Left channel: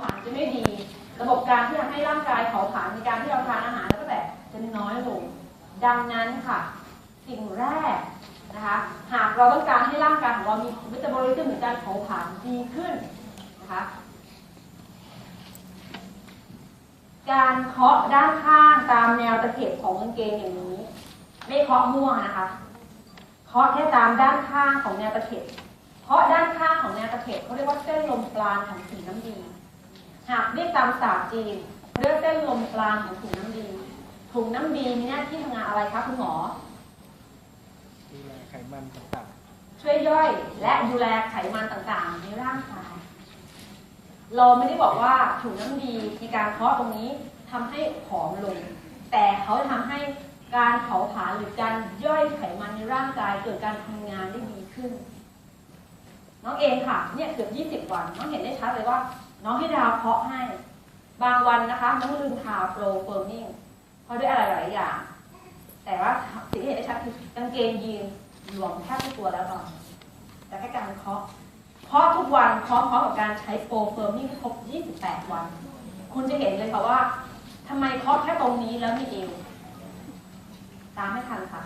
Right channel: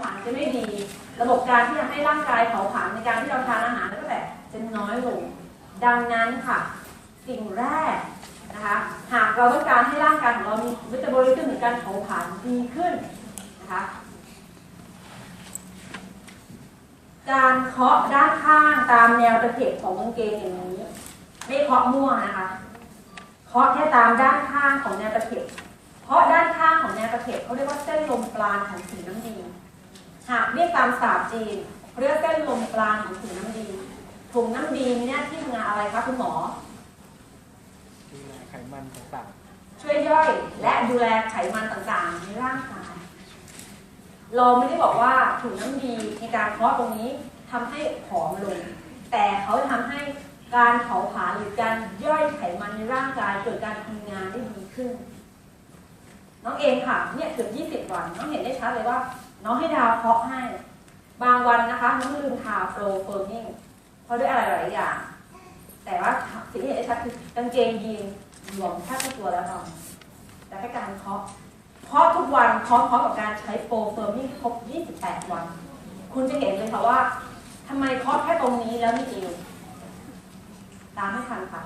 ผลาญจะไม่ดี ระบบการที่จะให้ร่างกายเผาผลาญในการที่เราทานอาหารแล้วก็แบบจะน้อยลง ดังนั้นค่ะ สิ่งแรกนะคะหากเราต้องการให้ร่างกายของเรามีวิตามินหรือการเผาผลาญดีขึ้นนะคะการเคาะด้านข้างตามแนวตะเข็บของกางเกงอย่างนี้ ไม่เคาะมั่วนะคะเคาะแค่ตามด้านข้างของแนวตะเข็บ เพราะด้านข้างของแนวตะเข็บเขาเรียกว่าเส้นลมปราณของถุงน้ำดี หากเรียกตามศาสตร์จีนเรียกเส้นลมปราณของถุงน้ำดีถุงน้ำดีมีหน้าที่ทำงานอะไรคะคุณหมอดูแลไขมันต่างช่วยย่อยและดูแลไขมันต่างๆ ในร่างกายเราไม่ได้บอกว่าถุงน้ำดีในการเคาะตรงนี้ทำให้ผอมลง แต่เขาจะทำให้การเผาผลาญหรือการย่อยไขมันในร่างกายเกิดการทำงานได้ดีขึ้น น้องเองค่ะเนี่ยเกือบ 20 วัน น้องเห็นได้ชัดเลยว่า น้องให้ดาวเคาะให้ บางวันนะคะน้องลืมทาโฟลเฟิร์มิ่งเพราะด้วยอะไรหลายอย่าง แต่ว่าสิ่งที่เห็นได้ชัดคือกางเกงยีนหลวมแทบทุกตัวแล้วตอนแต่แค่การเคาะเคาะทุกวันพร้อมๆกับการใช้โฟลเฟิร์มิ่งครบ 28 วัน คุณจะเห็นเลยค่ะว่าทำไมเคาะแค่ตรงนี้แล้วไม่เอวตามไม่ทันค่ะ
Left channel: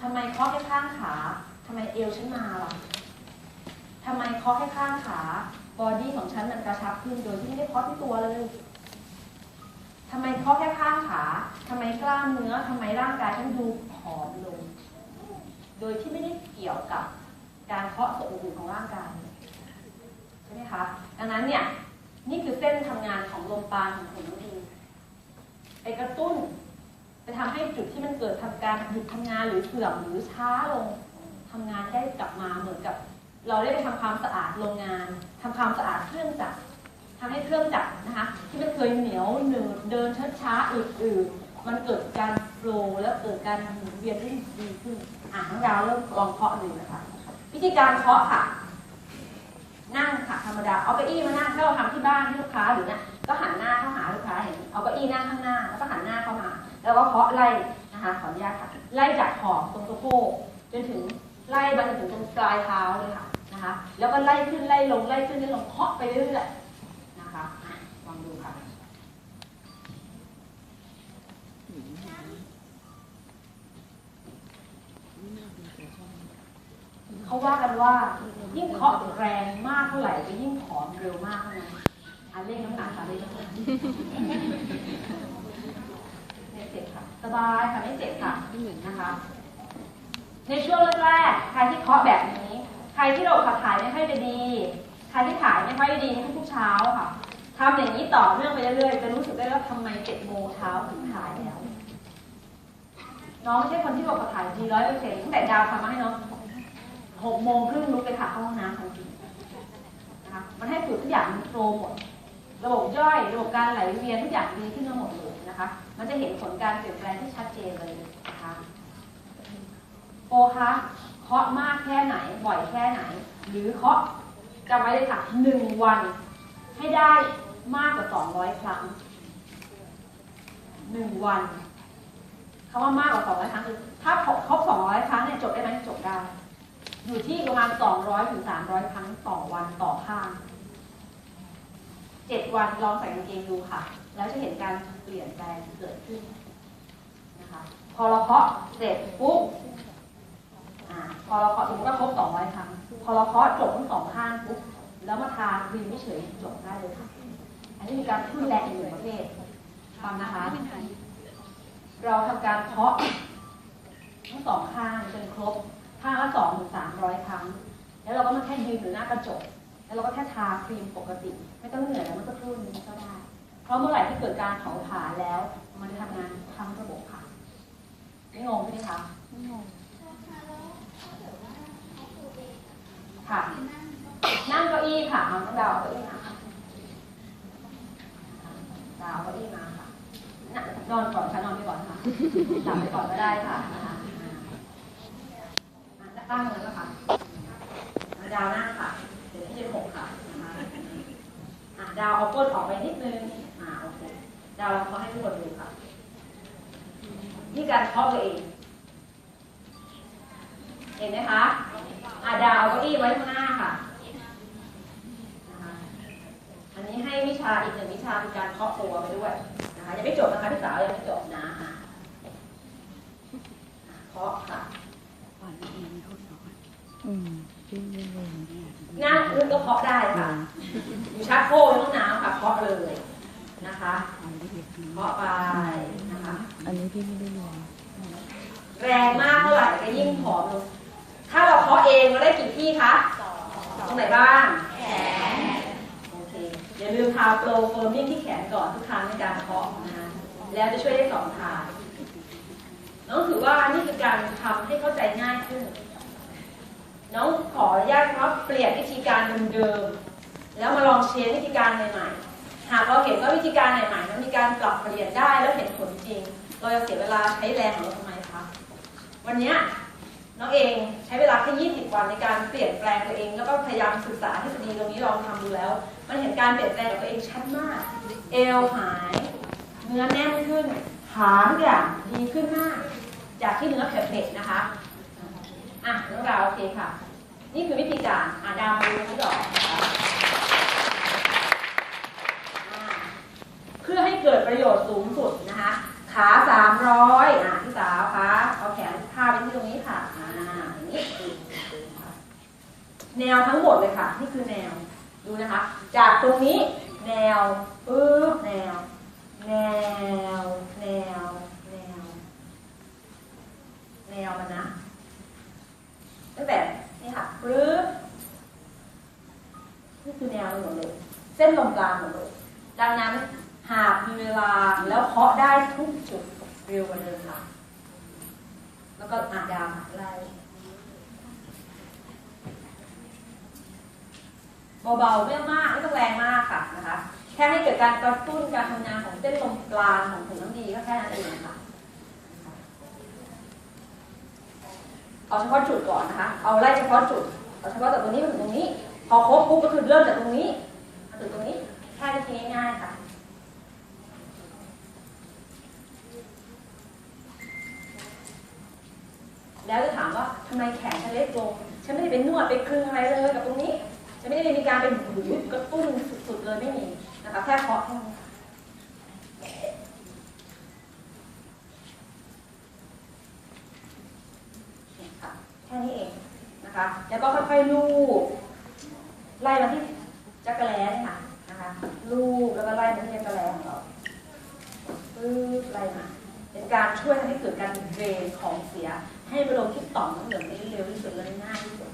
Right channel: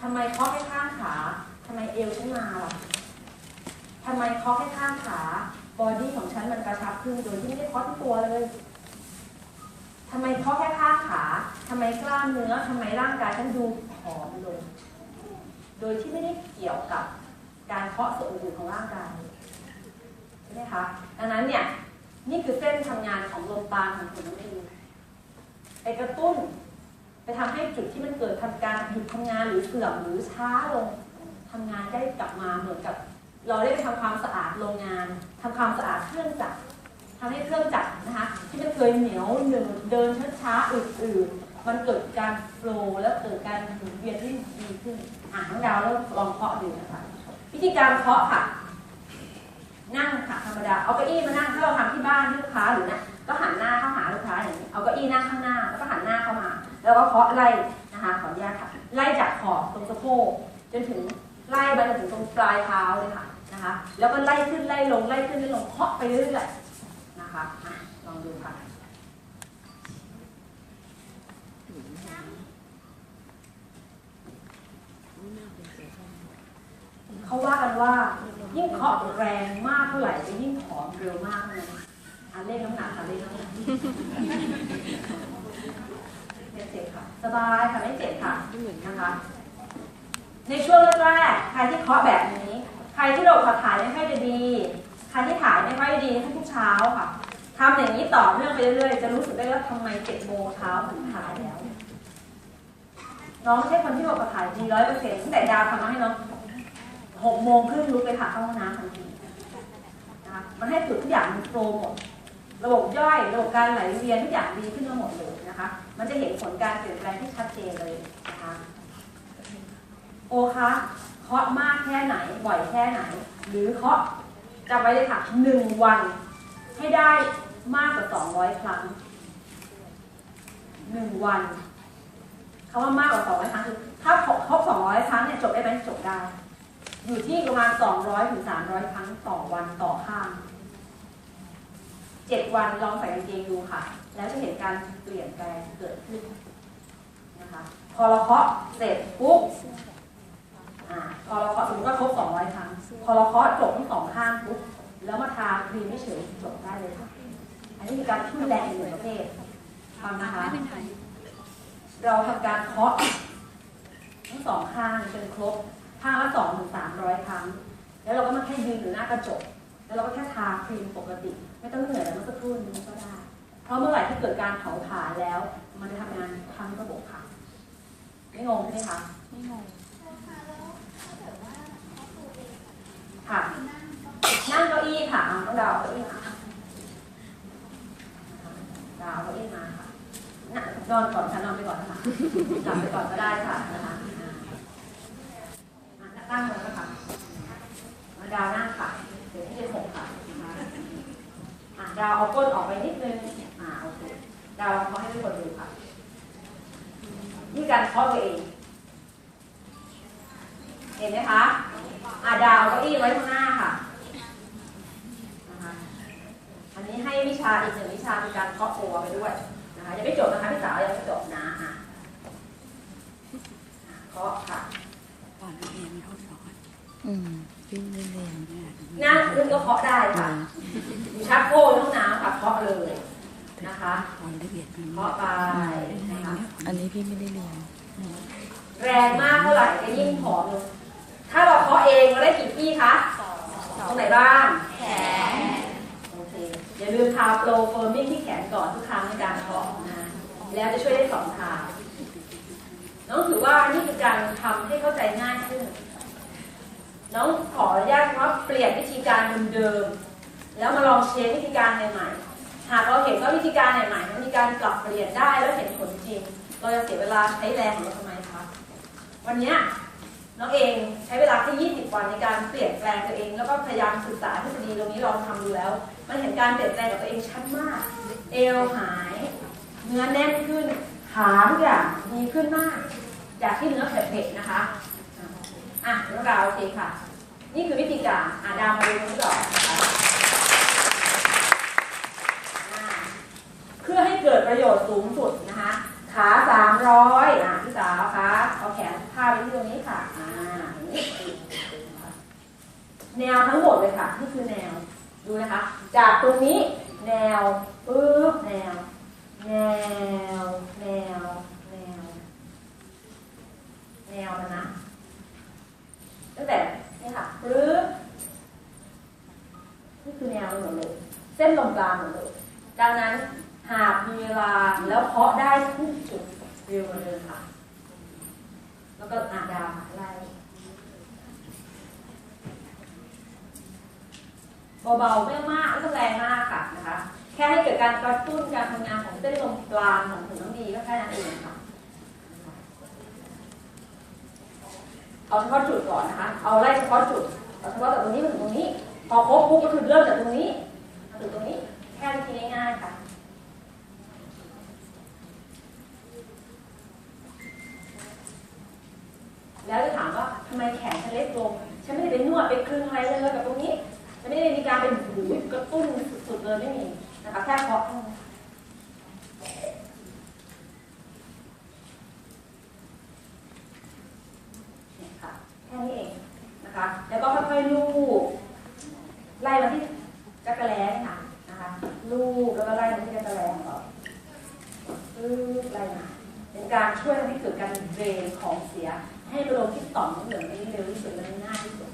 ทำไมเคาะแค่ข้างขาทำไมเอวฉันมาล่ะทำไมเคาะแค่ข้างขา บอดี้ของฉันมันกระชับขึ้นโดยที่ไม่ได้เคาะที่ตัวเลยทำไมเคาะแค่ข้างขาทำไมกล้ามเนื้อทำไมร่างกายฉันดูผอมลง โดยที่ไม่ได้เกี่ยวกับการเคาะส่วนอื่นของร่างกายใช่ไหมคะ ดังนั้นเนี่ยนี่คือเส้นทำงานของลมปราณของถุงน้ำดีไปกระตุ้นไปทำให้จุดที่มันเกิดทำการหยุดทำงานหรือเสื่อมหรือช้าลงทำงานได้กลับมาเหมือนกับ เราได้ไปทำความสะอาดโรงงานทำความสะอาดเครื่องจักรทำให้เครื่องจักรนะคะ ที่มันเคยเหนียวหนืดเดินช้าๆอืดๆมันเกิดการโฟลว์แล้วเกิดการหมุนเวียนที่ดีขึ้นอะน้องดาวเริ่มลองเคาะดูนะคะวิธีการเคาะค่ะ นั่งค่ะธรรมดาเอาเก้าอี้มานั่งถ้าเราทำที่บ้านที่ลูกค้าหรือนะก็หันหน้าเข้าหาลูกค้าอย่างนี้เอาเก้าอี้นั่งข้างหน้าแล้วก็หันหน้าเข้ามา แล้วก็เคาะไล่นะคะขออนุญาตค่ะ ไล่จากขอบตรงสะโพกจนถึงไล่ไปจนถึงตรงปลายเท้าเลยค่ะ นะคะแล้วก็ไล่ขึ้นไล่ลงไล่ขึ้นไล่ลงเคาะไปเรื่อยๆนะคะลองดูค่ะเขาว่ากันว่ายิ่งเคาะแรงมากเท่าไหร่จะยิ่งผอมเร็วมากเท่านั้นอันเลขน้ำหนักค่ะเลขน้ำหนักไม่เจ็บค่ะสบายค่ะไม่เจ็บค่ะนะคะ ในช่วงแรกๆใครที่เคาะแบบนี้ ใครที่เราขับถ่ายไม่ค่อยด้ดี ใครที่ถ่ายไม่ค่อยได้ดีทุกเช้าค่ะทำอย่างนี้ต่อเนื่องไปเรื่อยๆ จะรู้สึกได้ว่าทำไมเจ็ดโมงเช้าถึงถ่ายแล้ว น้องไม่ใช่คนที่บอกกับถ่ายดีร้อยเปอร์เซ็นต์ตั้งแต่ดาวทำมาให้น้องหกโมงครึ่งลุกไปถ่ายเข้าห้องน้ำทันทีนะคะมันให้จุดทุกอย่างมันโฟลว์หมดระบบย่อยระบบการไหลเวียนทุกอย่างดีขึ้นมาหมดเลยนะคะ มันจะเห็นผลการเปลี่ยนแปลงที่ชัดเจนเลยนะคะ โอคะ เคาะมากแค่ไหนบ่อยแค่ไหน หรือเคาะจำไว้เลยค่ะหนึ่งวันให้ได้มากกว่าสองร้อยครั้งหนึ่งวันคำว่ามากกว่าสองร้อยครั้งคือถ้าครบสองร้อยครั้งเนี่ยจบได้ไหมจบได้อยู่ที่ประมาณ200ถึง300ครั้งต่อวันต่อข้าง7วันลองใส่กางเกงดูค่ะ แล้วจะเห็นการเปลี่ยนแปลงเกิดขึ้นนะคะ พอเราเคาะเสร็จปุ๊บ พอเราเคาะสมมติว่าครบ200 ครั้ง พอเราเคาะจบทั้งสองข้างปุ๊บ แล้วมาทาครีมไม่เฉยจบได้เลยค่ะ อันนี้คือการช่วยแรงอีกหนึ่งประเภทฟังนะคะ เราทำการเคาะทั้งสองข้างจนครบ ข้างละสองถึงสามร้อยครั้ง แล้วเราก็มาแค่ยืนอยู่หน้ากระจก แล้วเราก็แค่ทาครีมปกติ ไม่ต้องเหนื่อยแล้วเมื่อสักครู่นี้ก็ได้ เพราะเมื่อไหร่ที่เกิดการเผาผลาญแล้ว มันจะทำงานทั้งระบบค่ะ ไม่งงใช่ไหมคะ ไม่งง ค่ะ นั่งเก้าอี้ค่ะเอาต้องดาวเอาเก้าอี้มาค่ะดาวเอาเก้าอี้มาค่ะนั่งนอนก่อนค่ะนอนไปก่อนนะคะ หลับไปก่อนก็ได้ค่ะนะคะอ่าอะตั้งเลยนะคะดาวนั่งค่ะเดี๋ยวที่จะหกค่ะดาวเอาก้นออกไปนิดนึงอ่าโอเคดาวลองเขาให้ทุกคนดูค่ะ นี่การเคาะตัวเอง เห็นไหมคะอะดาวเอาเก้าอี้ไว้ข้างหน้าค่ะนะคะอัน อันนี้ให้วิชาอีกหนึ่งวิชาเป็นการเคาะตัวไปด้วยนะคะยังไม่จบนะคะพี่สาวยังไม่จบนะอะเคาะค่ะ อืมพี่เรียน นั่งขึ้นก็ เคาะได้ค่ะ มีชักโครกในห้องน้ำค่ะเคาะเลยนะคะละเอียดดีเคาะไปนะคะ อันนี้พี่ไม่ได้เรียน แรงมากเท่าไหร่ก็ยิ่งผอมลงถ้าเราเคาะเองเราได้กี่ที่คะตรงไหนบ้างแขนโอเคอย่าลืมทาโปรเฟิร์มมิ่งที่แขนก่อนทุกครั้งในการเคาะนะแล้วจะช่วยได้สองทางน้องถือว่านี่คือการทำให้เข้าใจง่ายขึ้น น้องขออนุญาตว่าเปลี่ยนวิธีการเดิมๆแล้วมาลองเชนวิธีการใหม่ๆหากเราเห็นว่าวิธีการใหม่ๆมันมีการปรับเปลี่ยนได้แล้วเห็นผลจริง เราจะเสียเวลาใช้แรงของเราทำไมคะวันนี้น้องเองใช้เวลาแค่20 วันในการเปลี่ยนแปลงตัวเองแล้วก็พยายามศึกษาทฤษฎีตรงนี้ลองทำดูแล้ว มันเห็นการเปลี่ยนแปลงกับตัวเองชัดมาก เอวหาย เนื้อแน่นขึ้นขาทุกอย่างดีขึ้นมาก จากที่เนื้อเผ็ดๆนะคะอะเรื่องราวโอเคค่ะ นี่คือวิธีการอะดาวมาดูนี้ก่อนนะคะเพื่อให้เกิดประโยชน์สูงสุดนะคะ ขาสามร้อยอะพี่สาวคะเอาแขนพาไปที่ตรงนี้ค่ะอ่าอย่างนี้แนวทั้งหมดเลยค่ะ นี่คือแนวดูนะคะ จากตรงนี้แนวปึ๊บแนว แนว แนว แนว แนวมันนะตั้งแต่ นี่ค่ะปึ๊บนี่คือแนวมันหมดเลยเส้นลมกลางหมดเลยดังนั้นหากมีเวลาแล้วเคาะได้ทุกจุดเร็วกว่าเดิมค่ะ แล้วก็อาดามไล่เบาๆไม่มากไม่ต้องแรงมากค่ะนะคะ แค่ให้เกิดการกระตุ้นการทำงานของเส้นลมกลางของถุงน้ำดีก็แค่นั้นเองค่ะ เอาเฉพาะจุดก่อนนะคะ เอาไล่เฉพาะจุด เอาเฉพาะจากตรงนี้มาถึงตรงนี้ พอครบปุ๊บก็คือเริ่มจากตรงนี้มาถึงตรงนี้ แค่วิธีง่ายๆค่ะแล้วจะถามว่าทำไมแขนฉันเล็กลง ฉันไม่ได้ไปนวดไปคลึงอะไรเลยกับตรงนี้ ฉันไม่ได้มีการเป็นหูยกระตุ้นสุดๆเลยไม่มีนะคะแค่เคาะเท่านั้นเนี่ยค่ะ แค่นี้เอง นะคะ แล้วก็ค่อยๆลูบไล่มาที่จักรแล้นี่ค่ะนะคะลูบแล้วก็ไล่มาที่จักรแล้ของเราลูบไล่มาเป็นการช่วยทำให้เกิดการเดรนของเสีย ให้มันลงที่ต่อมน้ำเหลืองได้เร็วที่สุดและง่ายที่สุด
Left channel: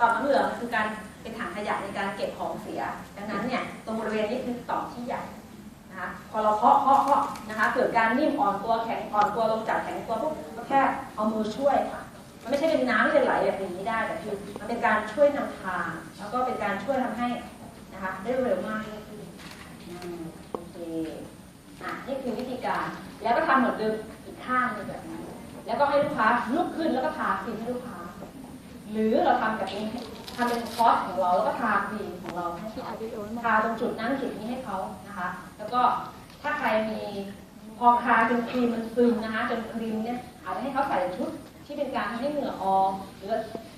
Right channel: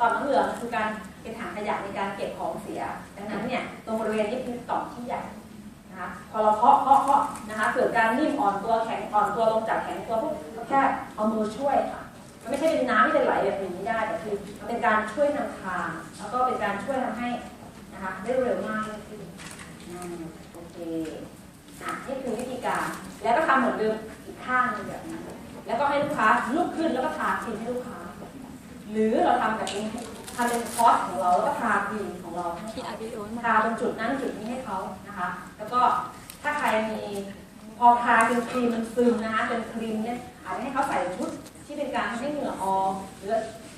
ต่อมน้ำเหลืองคือการเป็นถังขยะในการเก็บของเสีย ดังนั้นเนี่ยตรงบริเวณนี้คือต่อมที่ใหญ่นะคะพอเราเคาะเคาะเคาะนะคะเกิดการนิ่มอ่อนตัวแข็งอ่อนตัวลงจากแข็งตัวปุ๊บก็แค่เอามือช่วยค่ะ มันไม่ใช่เป็นน้ำที่จะไหลแบบนี้ได้แต่คือมันเป็นการช่วยนำทาง แล้วก็เป็นการช่วยทำให้นะคะได้เร็วมากยิ่งขึ้นโอเคอะนี่คือวิธีการ แล้วก็ทำเหมือนเดิมอีกข้างนึงแบบนั้นแล้วก็ให้ลูกค้าลุกขึ้นแล้วก็ทาครีมให้ลูกค้า หรือเราทำแบบนี้ทำเป็นคอร์สของเราแล้วก็ทาครีมของเราให้พี่อาร์วิดีโอทาตรงจุดนั้นจุดนี้ให้เขานะคะ แล้วก็ถ้าใครมีพอทาจนครีมมันซึมนะคะจนครีมเนี่ยอาจจะให้เขาใส่ชุด ที่เป็นการทำให้เหงื่อออกหรือ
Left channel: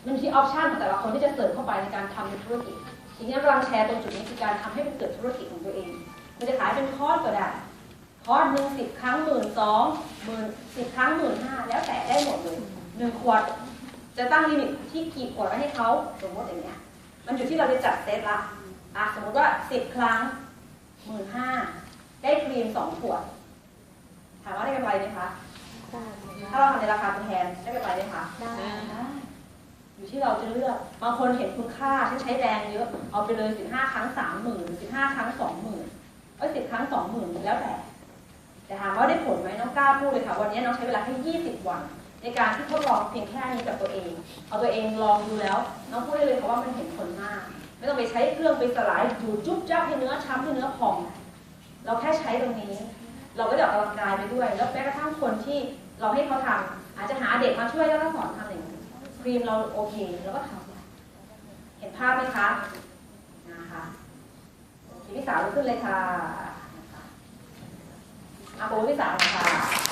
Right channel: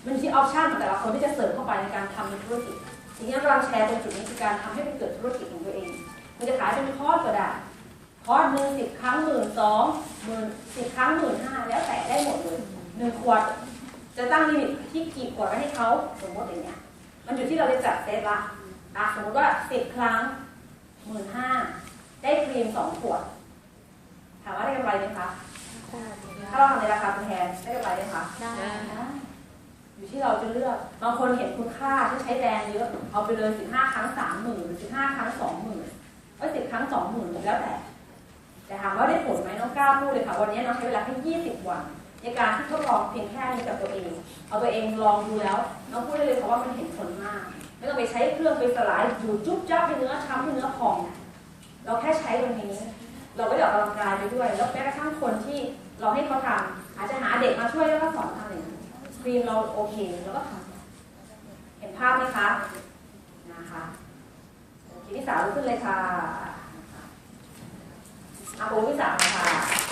มันมีออปชั่นของแต่ละคนที่จะเสริมเข้าไปในการทำในธุรกิจทีนี้กำลังแชร์ตรงจุดนี้คือการทำให้เป็นเกิดธุรกิจของตัวเอง มันจะขายเป็นคอร์สก็ได้คอร์สหนึ่งสิบครั้งหมื่นสองหมื่นสิบครั้งหมื่นห้าแล้วแต่ได้หมดเลยหนึ่งขวด จะตั้งลิมิตที่กี่ขวดไว้ให้เขาสมมติอย่างเงี้ยมันอยู่ที่เราจะจัดเซตละอะสมมติว่าสิบครั้งหมื่นห้าได้ครีมสองขวด ถามว่าได้กำไรไหมคะ ถ้าเราทำในราคาแพงได้กำไรไหมคะได้อยู่ที่เราจะเลือกบางคนเห็นคุณค่าที่ใช้แรงเยอะ เอาไปเลยสิบห้าครั้งสามหมื่นสิบห้าครั้งสองหมื่นเอ้ยสิบครั้งสองหมื่นแล้วแต่แต่ถามว่าได้ผลไหมน้องก้าวพูดเลยค่ะ วันนี้น้องใช้เวลาแค่ยี่สิบวัน ในการที่ทดลองเพียงแค่นี้กับตัวเอง เอาตัวเองลองดูแล้ว น้องพูดได้เลยค่ะว่ามันเห็นผลมาก ไม่ต้องไปใช้เครื่องไปสลายอยู่จุ๊บจ้าให้เนื้อช้ำให้เนื้อพอง เราแค่ใช้ตรงนี้ เราก็ได้ออกกำลังกายไปด้วย แล้วแม้กระทั่งคนที่เราให้เขาทำอาจจะหาเด็กมาช่วยแล้วก็สอนทำอย่างนั้นครีมเราโอเคเราก็ทำเห็นภาพไหมคะนะคะโอเคพี่สาวลุกขึ้นเลยค่ะอาโบพี่สาวค่ะ